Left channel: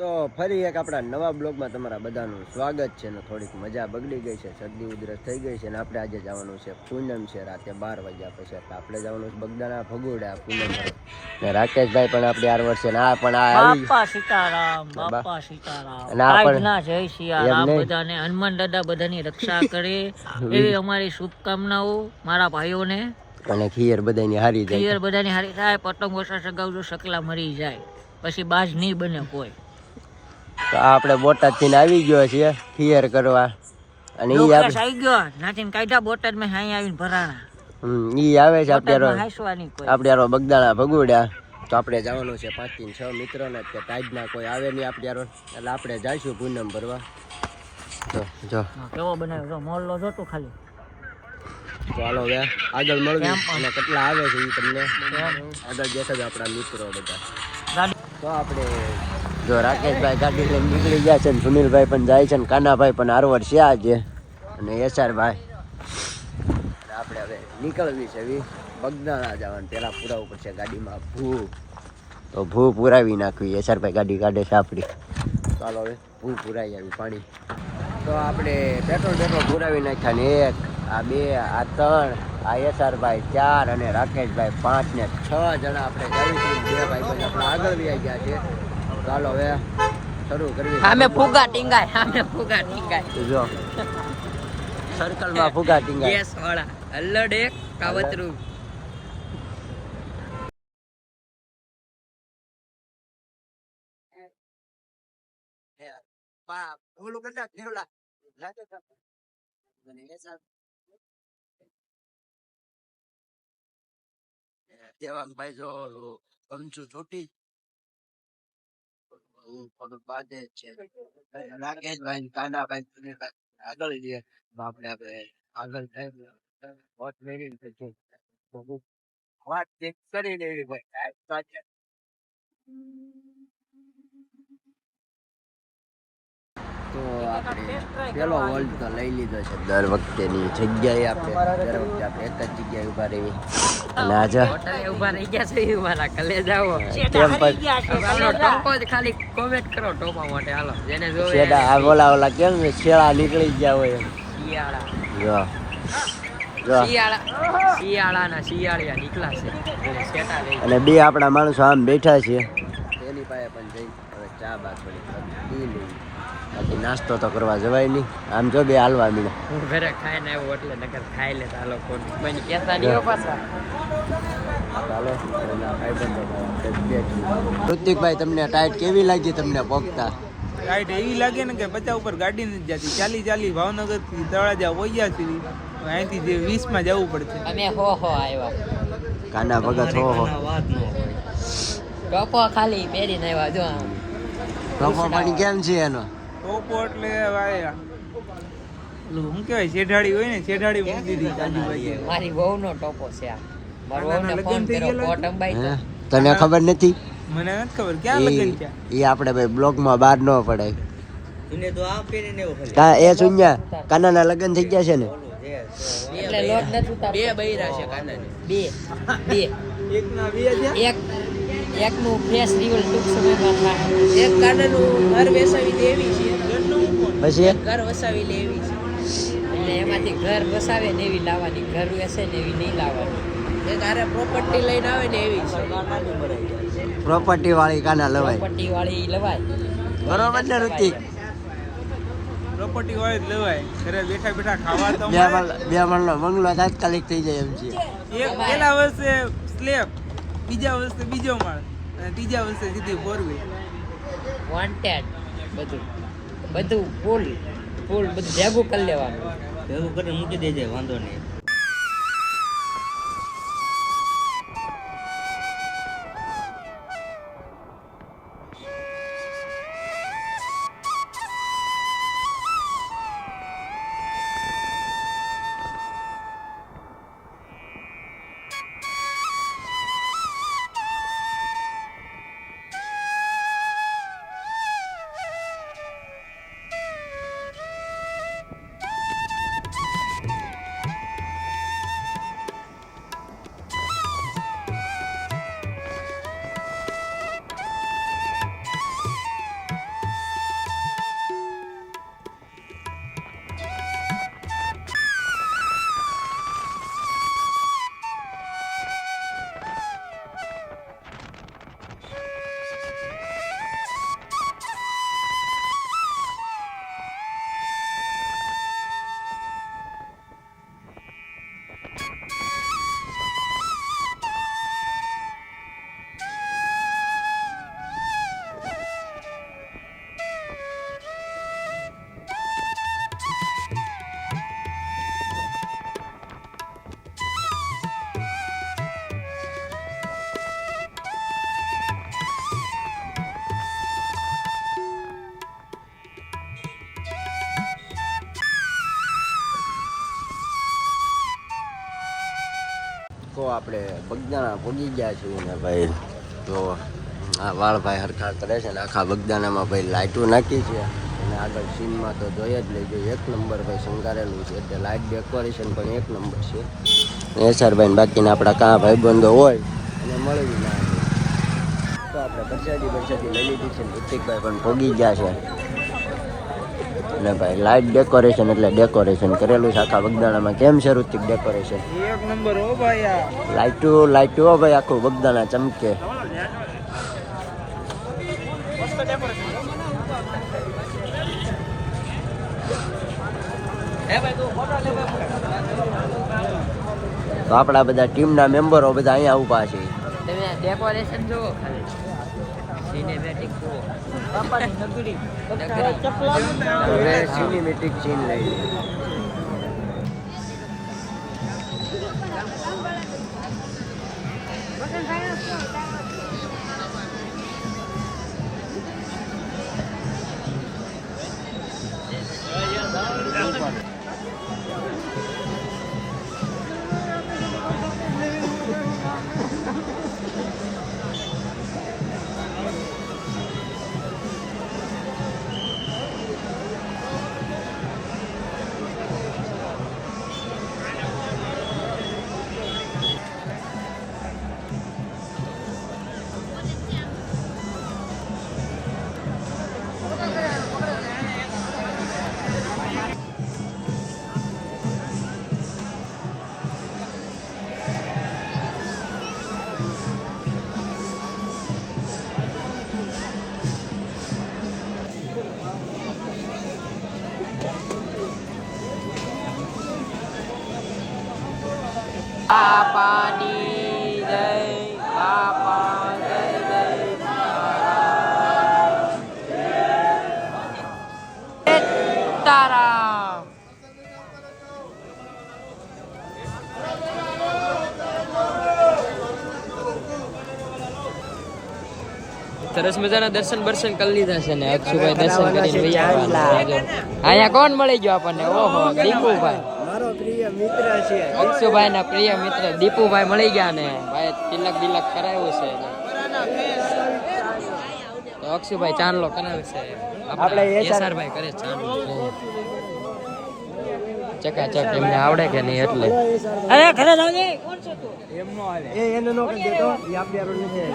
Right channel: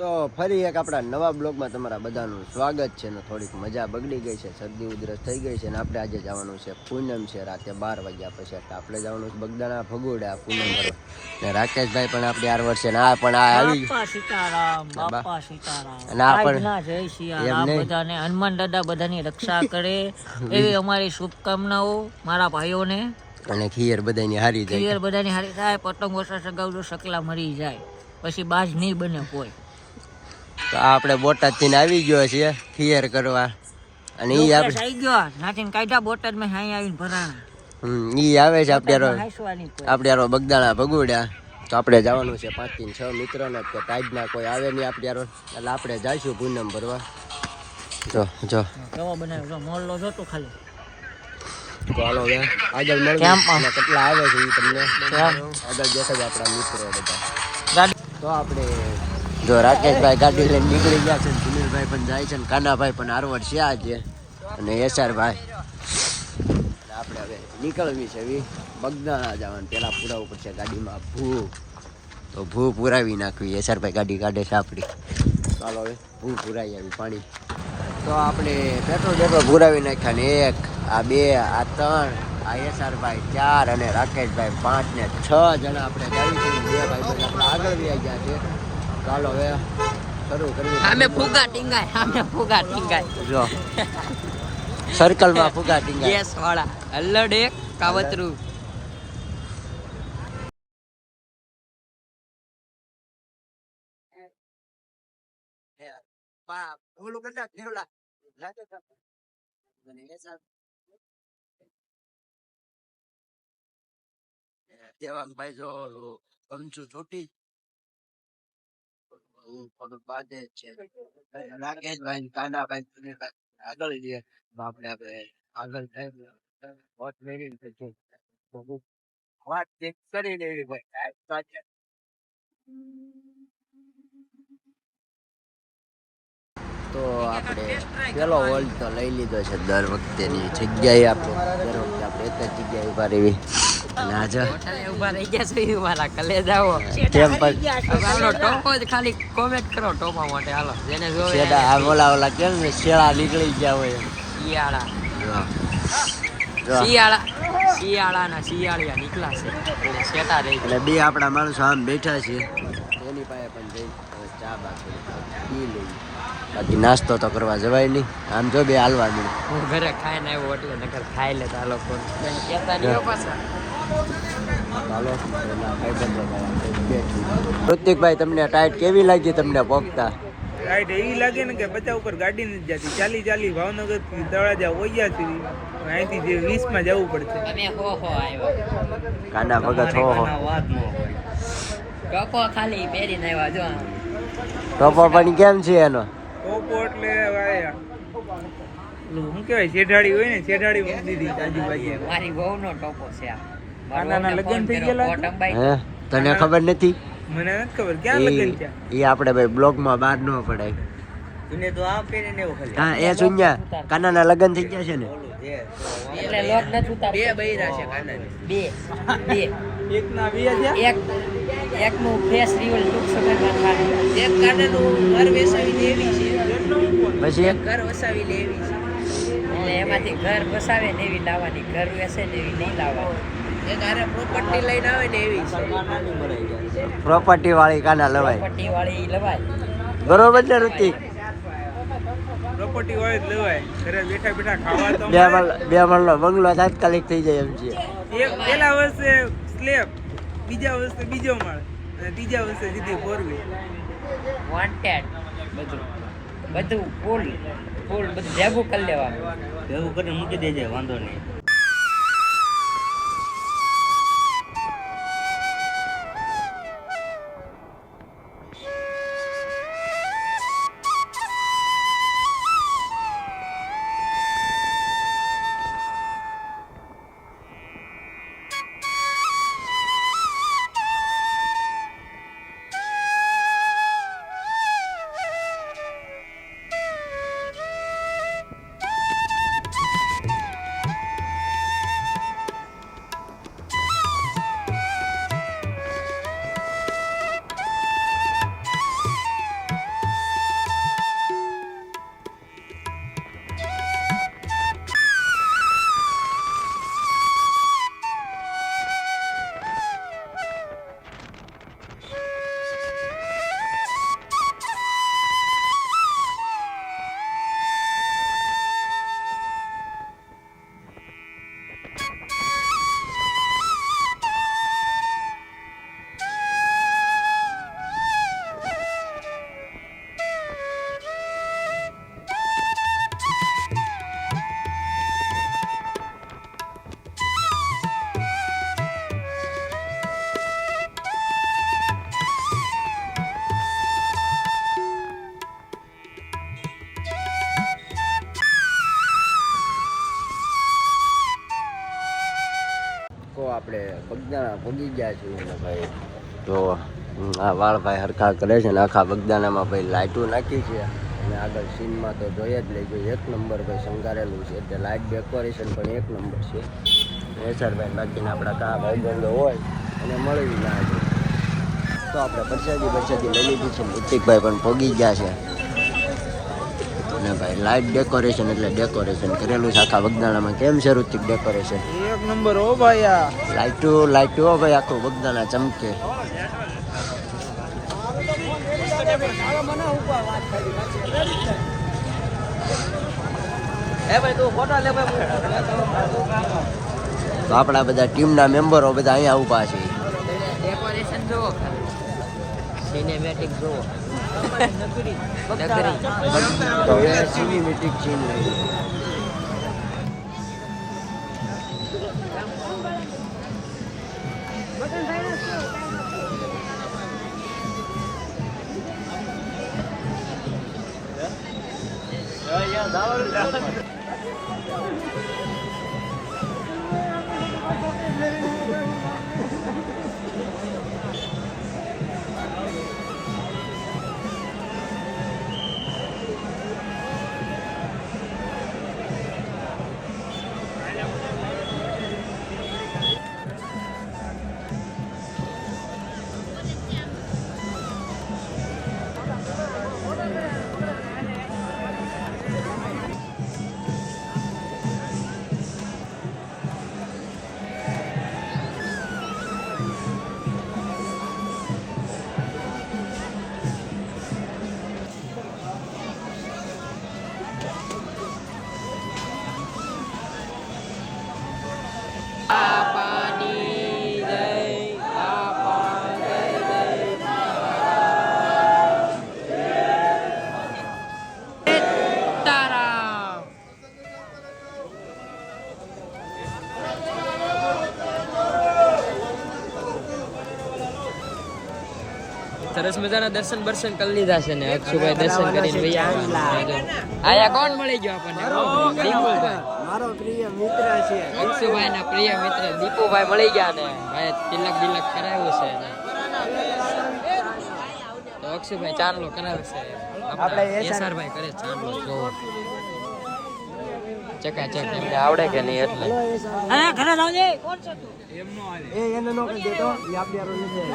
તો ફરી એક આપણા નવા બ્લોગમાં તમારા બધાનું સ્વાગત છે ને થોડીક મજા બગડી ગઈ છે શરદી ઉધરસ થઈ ગઈ છે ને આપણે આજે જવાનું છે પૂનમ છે રાતે બાર વાગ્યા પછી એટલે આપણે જવાનું છે બગદાણા ભગોડા પૂનમ ભરવા ને રાકેશભાઈ પણ આપણે આર વર્ષે ના આ પણ આ આવી બાપા સીતારામ બાપા સીતારામ. અને પણ-. બધાને હનુમાન દાદા બધાની રક્ષા કરે. એવી અમારી શુભકામનાઓ મારા ભાઈઓને. અને ખીયર બધાની હારી જાય. ખીયર બધાની હારી થાય પતંગ ઓછા સગાવજો સકલા મરી જાય. પછી બાજ નહીં બને કોઈ. તો આપણે બોટાદથી આવી ગયો છે ફિયર કરવા. અને ઈ આપણે આવી ગયો. નાથીને કાઢ્યા બોટાદ મેં હાઈ આવીને ભરાણા. હમ, ઈ આવે છે આપણે આપણે હારો બગદાણા ભગુડ્યા. તો આપણે જવાનું છે પાંચથી છ મિત્રોને કે ટાઈડના કોઈ આવે નહીં આપણે હારો એટલે આપણે જઈશું પૂનમ ભરવા. જો જો. કેવો બનાવ્યો? જો મોરલો જોતો ખાલી. તો હાલો હવે આગળ અને કેટલા આવે છે એ તમને? આગળ દેખાય આપણા મિત્રો બધા. તો આપણે જો રાકેશભાઈ ગાડી લઈને નીકળી ગયા છે ને સુનિલભાઈ પણ જાય છે ને કાનાભાઈ પણ આરવડ છે આજે. અને એસઆરભાઈ. આપણે હવે નીકળવી છે એવી બગદાણા જવાનું, પેલા ઉપર પડશે ગાડીમાં ભૂ તો ભૂ પુરાવી નાખવી, એસઆરભાઈ ગાડી કાઢે છે આપણી. ચાલો હવે ભૂ પુરાવી આવી પાણી. તો આપણે પેટ્રોલ પેટ્રોલ પુરાવી નાખ્યા ને એક, આ બે, આ ત્રણ, આ એસઆરભાઈ ચાર અને રાકેશભાઈ પાંચ ને છ જણા આપણે જાવી છીએ બે ભાઈ બહેન આપણે આગળ આવી ગયા છે. ચાલો હવે શરૂ કરવી અમે ફુગા ટીંગાય અમે ફુગા ટીંગાય જો સર્કલમાં ફુગા ટીંગાય યસ વાળા હલ્લડે કાવતરું દેવાંગભાઈ જો કંચુ ચોટી જ રાકેશભાઈ કાનાભાઈ આગળ જઈએ આપણે આપણે આગળ વાત ચેક કરી લેવી ભાઈ તો આપણે પેલો વર્લ્ડ તો લઈ લીધો છે. દર વખતેની જગ્યાએ આપણે દર વખતે આપણે એક જ જગ્યાએ ઊભા રહેવી અને આજે હોટલે ઊભા રહી ગયા છે મારા કલે જાવો કેમ પર આપણો ટોપો જ ખાલી કોમેન્ટ કરો ટોપા માટે. હાલો જેને જોવે શેડા આ ઓલા ઓલા કેમ શેળા નીકળી ગયા હોય. શિયાળા. જો. જો. શિયાળા. શિયાળાના શિયાળિયા નીકળ્યા છે. શેટા અને બે આપણા માણસો આમ બેઠા છે. એની પાસે પણ જઈ હવે ચા બા થોડી પી લઈએ. બાકી નાસ્તો તો કરવા જવાય નહીં. આમ જો બે હાલવા મીડે હું ઘરે ખાઈને આવ્યો એટલે નકર ખાઈ લેતા આ લોકો ચાલો એના ભાઈબંધો ભાઈ આપણે બેઠી ઋતિકભાઈ તમને ટાઈટ કેવી લાગી તમને પોગતા લાઈટ એવી લાગે ને કે પચાસ ઉપર ગાડી નથી જતી. ચાલી ચાલી ભાવનગરથી તળાજા વૈયા છે. અહીંથી જે વીસમાં જવું પડશે. અમે હો હો આવ્યા. કાના ભગત હો હો. વાત ન હોય. ટોપો ખાલી પહેરીને આવ્યા જો. ટોપો પણ કેમ છે એનો? ટોપો એટલે ભાઈ ઓલું શું કહેવાય શેઢાડી હોય ને શેઢાડી મૂકી દીધી આજુબાજુ મારી બહુ નો ટોપો છે આ. વહુને તને ખબર નથી? મને નથી ખબર ક્યાં લગન છે એ આપણે ભાઈ બ્લોગમાં બહાર ન પડાય. એને તો આ પહેરીને એવું હા એ સુન્યા કાનાના લગન થઈ ગયા છે ને? એટલે લોટ નથી ઉતારતો. બે બૈરા છે કાનાને. બે બે. એક ના બે છે? એક એક નું ફેસ રિવલ ટૂંક સમયમાં થાય. એક કાનાનું ઘર વસાવી લેવી છે. પછી ઘર વસાવી લેવી છે. એટલે એમાંથી ઘર વસાવે ને એવી લાવવાની ઘર વેસે ને એવી નહીં લાવવાની. એક આરે પ્રોપર્ટી લઈને આવે ને એવી છે. પ્રોપર્ટી વાળી કાના લવાય. પ્રોપર્ટી વાળી લવાય. બરોબર ને ઋતિક? પ્રોપર્ટી વાળી જ લેવાય. ઘરે બેઠા બેઠા ખાવા તો બે મળે. બે માળનો બંગલો તાત્કાલિક થઈ જાય એમ છે. એક પેલા વર્ષે સ્લેબ બીજા વર્ષે બીજો માળ અને ત્રીજા વર્ષે સીધી ફોર વ્હીલ વોન્ટેડ બધું. બધું ફૂલ ફૂલ બધું ભેગું કરી લેવાનું. ભેગું કરીને મૂકી દેજે વાંધો નહીં. બગદાણા પગી ગયા છે ને ભાઈ. તો આ વાળભાઈ હરખા કરે છે ને આખા બગદાણામાં ભાઈ લાઇટો નાખી છે. અને આગળ સીનમાં તો જોઈએ જ લેજો એક નંબર ભાઈ શંકારેલું છે. એટલે લાઇટ ડેકોરેશન પણ એક નંબર છે. એસરભાઈ બાકીના આપણા કાં ભાઈબંધો હોય અને મળવી ના છે તો આપણે પરસાદી પરસાદી લઈ લીધી છે. ઋતિકભાઈ પણ પગી ગયા છે. અને ભાઈ લાઇટ ડેકોરેશન એટલે ડેકોરેશન કરેલું છે. આખા વગદાણામાં કેમ છે ઋતિક ડેકોરેશન એક નંબર હો ભાઈ આ. લાઈટો હો ભાઈ આખું બગદાણા ચમકે. તો આપણા બધા ટીમના મેમ્બરો બધા અહીંયા ઊભા છે. ડેકોરેશન જોવો ખાલી. સિનેમેટિક જુઓ નગરી તો હવે સિનેમેટિક ચીન લઈ લઈએ સરસ મજાના દર્શન દર્શન કરી લીધા છે ને અક્ષુભાઈ દર્શન કરીને ભાઈ અહીંયા કોણ મળી ગયો આપણને? ઓહો દીપુભાઈ મારો પ્રિય મિત્ર છે. અક્ષુભાઈ ના પ્રિય મિત્ર દીપુભાઈ મળી ગયા ને. ભાઈ તિલક બિલક કરાવ્યું છે તો અક્ષુભાઈ ચાંદલો કરાવે છે. આપણે એસઆરભાઈ કરે ચાંદલો. ચકાચક એમને આવડે અરે ઘરે લાવજે કોણ છે તું? એમનો આલે એ એને નો કરી દેતો એ આપડે નથી.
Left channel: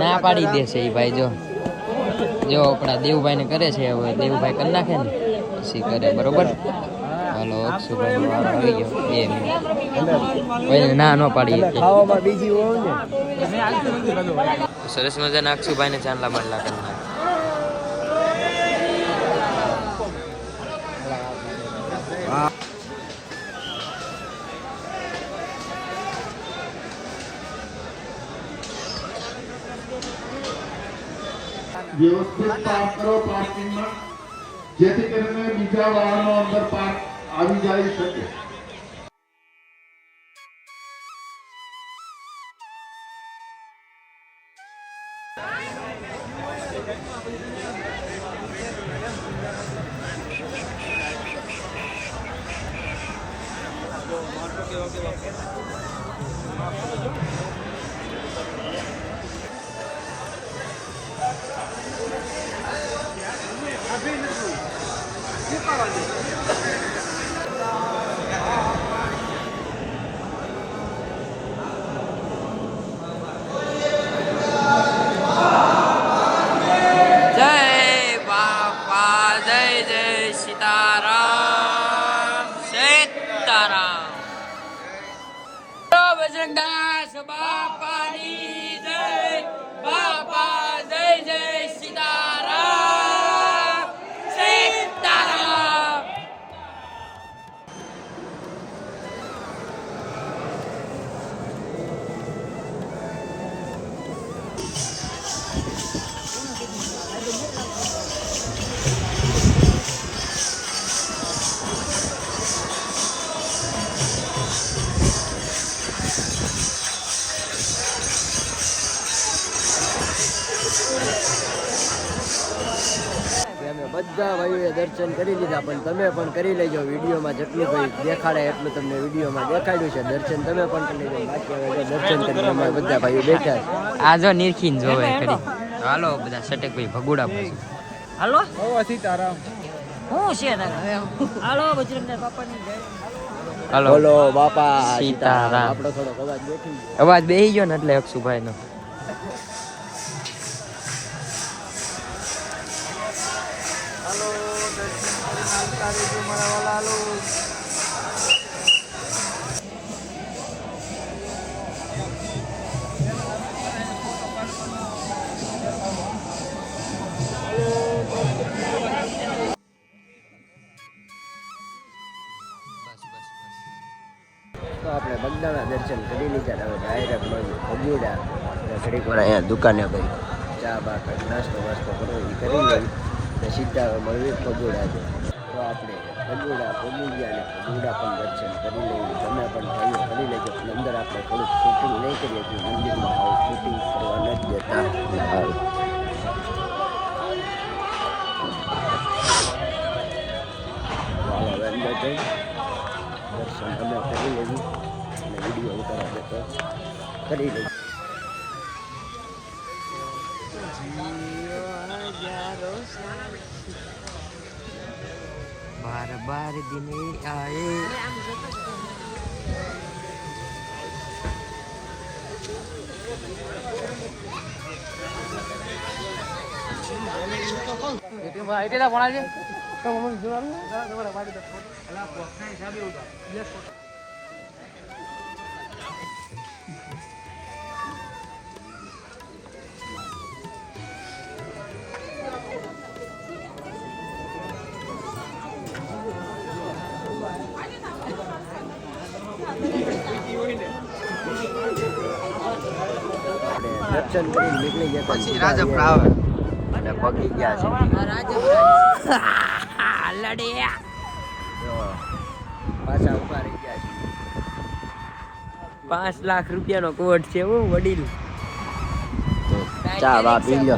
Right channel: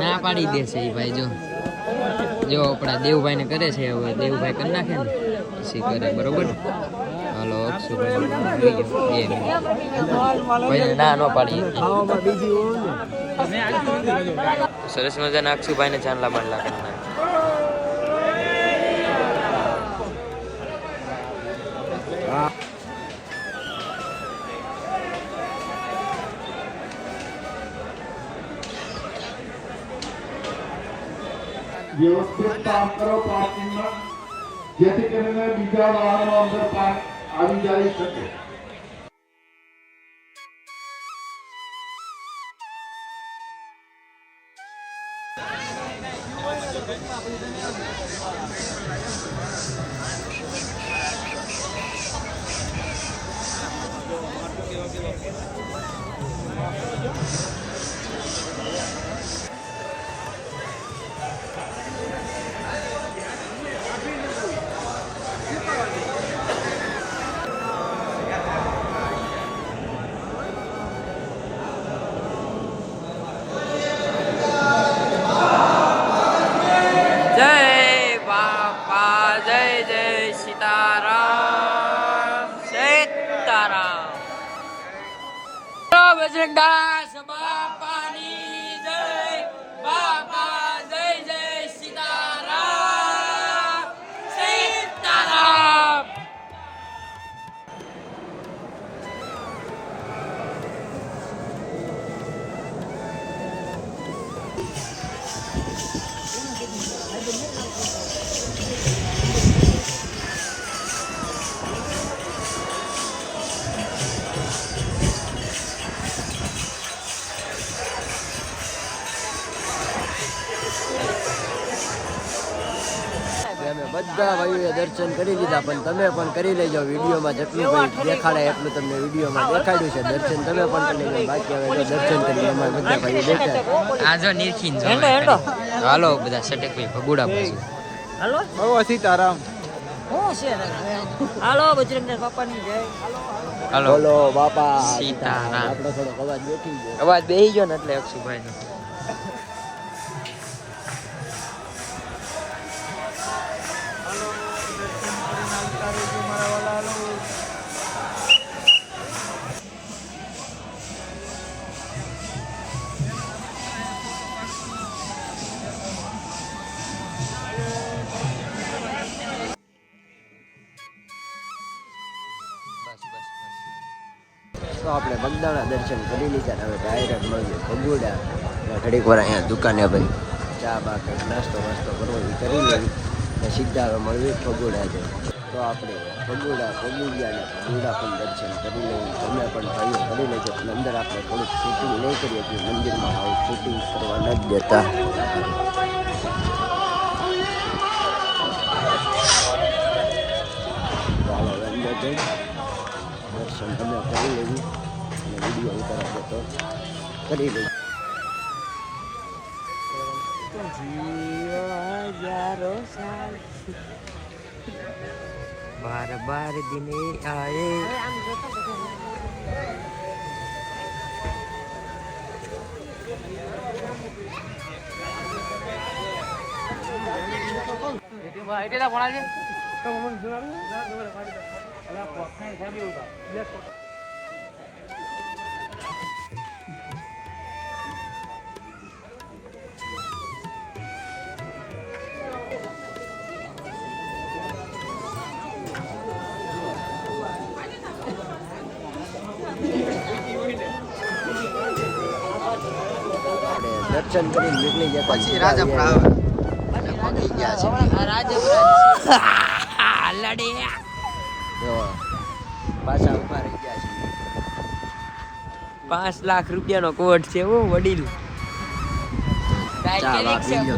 ના પાડી દેશે ઈ ભાઈ જો. જો આપણા દેવભાઈ ને કરે છે હવે દેવભાઈ કરી નાખે ને પછી કરે બરોબર? હાલો અક્ષુભાઈ નો વારો આવી ગયો. બે મિનિટ. ભાઈ ના નો પાડી ખાવામાં બીજી હોય ને. સરસ મજાના અક્ષુભાઈ ને ચાંદલા બાંડલા કરી નાખે વ્યવસ્થિત પાર્ક કરો પાર્કિંગમાં જેથી કરીને બીજા વાહનો અંદર પાર્ક આવી જઈ શકે. બજરંગદાસ બાપાની બધા ભાઈઓએ દર્શન કરી લીધા પણ તમે પણ કરી લેજો. વિડીયોમાં જેટલું ભાઈ દેખાડે એટલું તમને વિડીયોમાં દેખાડ્યું છે. દર્શન તમે પણ કરી લેજો. બાકી હવે જો દર્શન કરીને અમારે બધા ભાઈઓ બેઠા છે. આ જો નિરખીન જોવે હાલો બધા સટેકભાઈ ભગુડા પાછું હાલો? બહુ સીતારામ. શું છે હાલો બજરંગના બાપાની જય. હાલો હાલો. બાપા સીતારામ. આપણો થોડોક અવાજ બેઠી ગયો. અવાજ બેહી ગયો ને એટલે અક્ષુભાઈ તો આપણે બગદાણા દર્શન કરી લીધા હવે ડાયરેક્ટ મળ્યું ભગુડા અને ઘડીક વાર અહીંયા દુકાને ભાઈ ચા બા નાસ્તો વાસ્તો કરવો એ કરી લેવી ને સીધા હવે મળવી ભગુડા છે તો આપણે ભગુડા ભગી ગયા ને ભગુડા પણ દર્શન કરી લઈએ. તમે પણ ભાઈઓ કરી લેજો. પણ અંદર આપણે થોડુંક શૂટિંગ નહીં કરીએ કે મંદિરમાં આવું શૂટિંગ કરવા ન દેતા. હાલો હવે અંદર જઈ દર્શન અમે કરી લેવી અને વીડિયો ઉતારા દેતો કરી લઈ બાર બાર દિને આયે આપણે દર્શન કરીને નીકળી જતા સીધા રાજા આવ્યા અને પગી ગયા છે. લડે જો પાછા ઊભા રહી ગયા છે પાંચ લાખ રૂપિયાનો કોટ છે ઓ વડીલ ચા બા પી લો જો.